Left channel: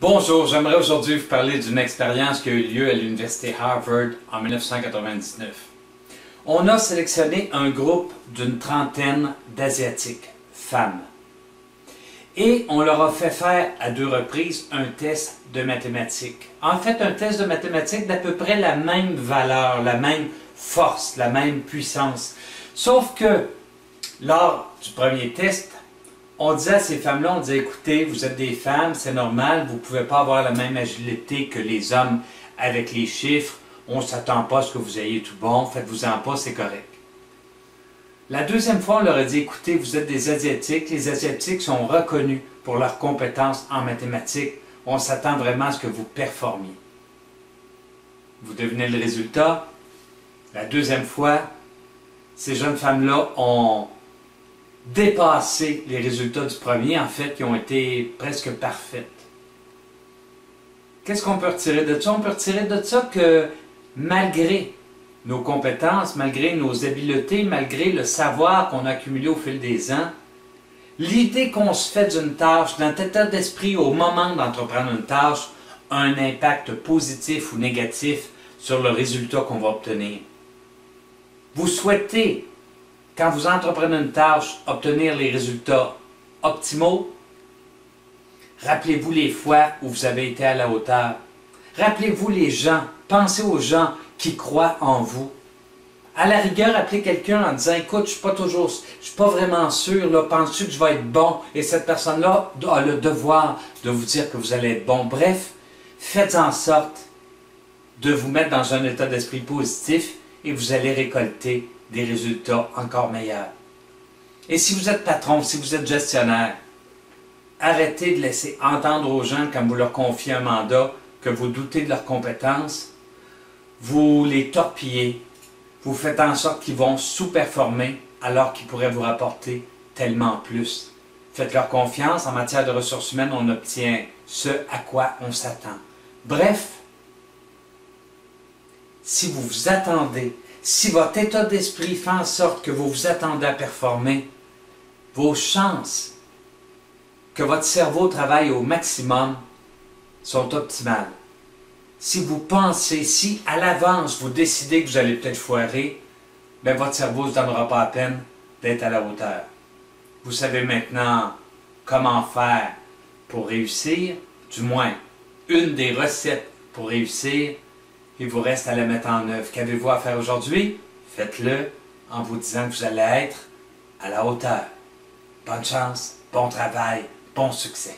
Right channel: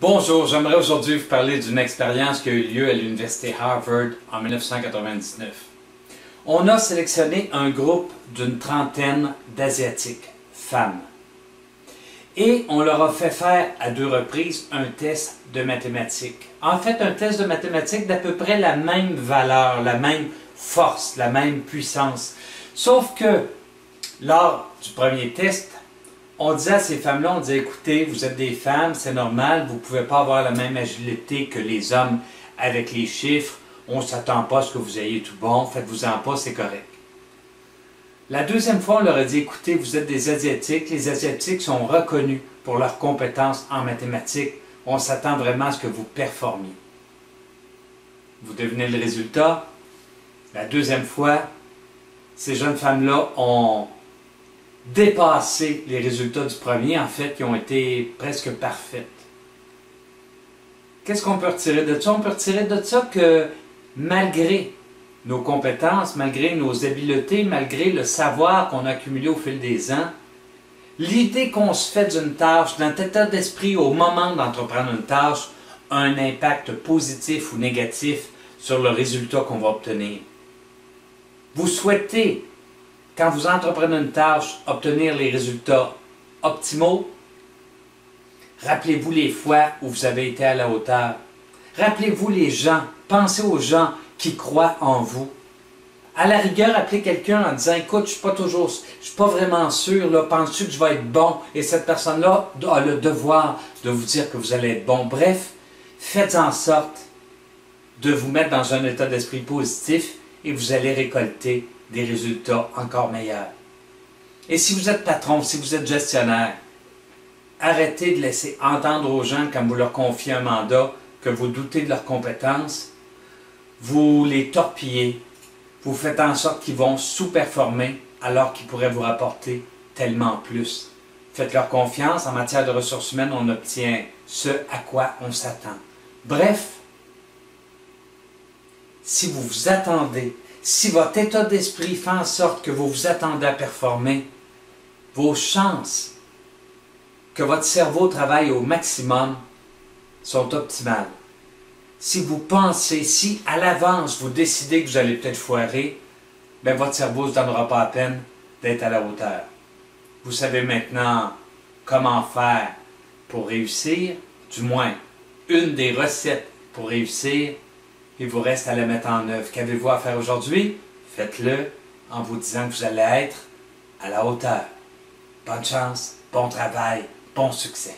Bonjour, j'aimerais aujourd'hui vous parler d'une expérience qui a eu lieu à l'Université Harvard en 1999. On a sélectionné un groupe d'une trentaine d'Asiatiques, femmes, et on leur a fait faire à 2 reprises un test de mathématiques. En fait, un test de mathématiques d'à peu près la même valeur, la même force, la même puissance. Sauf que, lors du premier test, on disait à ces femmes-là, on disait, écoutez, vous êtes des femmes, c'est normal, vous ne pouvez pas avoir la même agilité que les hommes avec les chiffres, on ne s'attend pas à ce que vous ayez tout bon, faites-vous-en pas, c'est correct. La deuxième fois, on leur a dit, écoutez, vous êtes des Asiatiques, les Asiatiques sont reconnus pour leurs compétences en mathématiques, on s'attend vraiment à ce que vous performiez. Vous devinez le résultat? La deuxième fois, ces jeunes femmes-là ont dépassé les résultats du premier, en fait, qui ont été presque parfaites. Qu'est-ce qu'on peut retirer de ça? On peut retirer de ça que malgré nos compétences, malgré nos habiletés, malgré le savoir qu'on a accumulé au fil des ans, l'idée qu'on se fait d'une tâche, notre état d'esprit au moment d'entreprendre une tâche, a un impact positif ou négatif sur le résultat qu'on va obtenir. Vous souhaitez, quand vous entreprenez une tâche, obtenir les résultats optimaux? Rappelez-vous les fois où vous avez été à la hauteur. Rappelez-vous les gens, pensez aux gens qui croient en vous. À la rigueur, appelez quelqu'un en disant, écoute, je suis pas vraiment sûr, là, penses-tu que je vais être bon? Et cette personne-là a le devoir de vous dire que vous allez être bon. Bref, faites en sorte de vous mettre dans un état d'esprit positif et vous allez récolter des résultats encore meilleurs. Et si vous êtes patron, si vous êtes gestionnaire, arrêtez de laisser entendre aux gens quand vous leur confiez un mandat que vous doutez de leurs compétences, vous les torpillez, vous faites en sorte qu'ils vont sous-performer alors qu'ils pourraient vous rapporter tellement plus. Faites-leur confiance, en matière de ressources humaines, on obtient ce à quoi on s'attend. Bref, si vous vous attendez, si votre état d'esprit fait en sorte que vous vous attendez à performer, vos chances que votre cerveau travaille au maximum sont optimales. Si vous pensez, si à l'avance vous décidez que vous allez peut-être foirer, bien votre cerveau ne se donnera pas la peine d'être à la hauteur. Vous savez maintenant comment faire pour réussir, du moins une des recettes pour réussir. Il vous reste à la mettre en œuvre. Qu'avez-vous à faire aujourd'hui? Faites-le en vous disant que vous allez être à la hauteur. Bonne chance, bon travail, bon succès.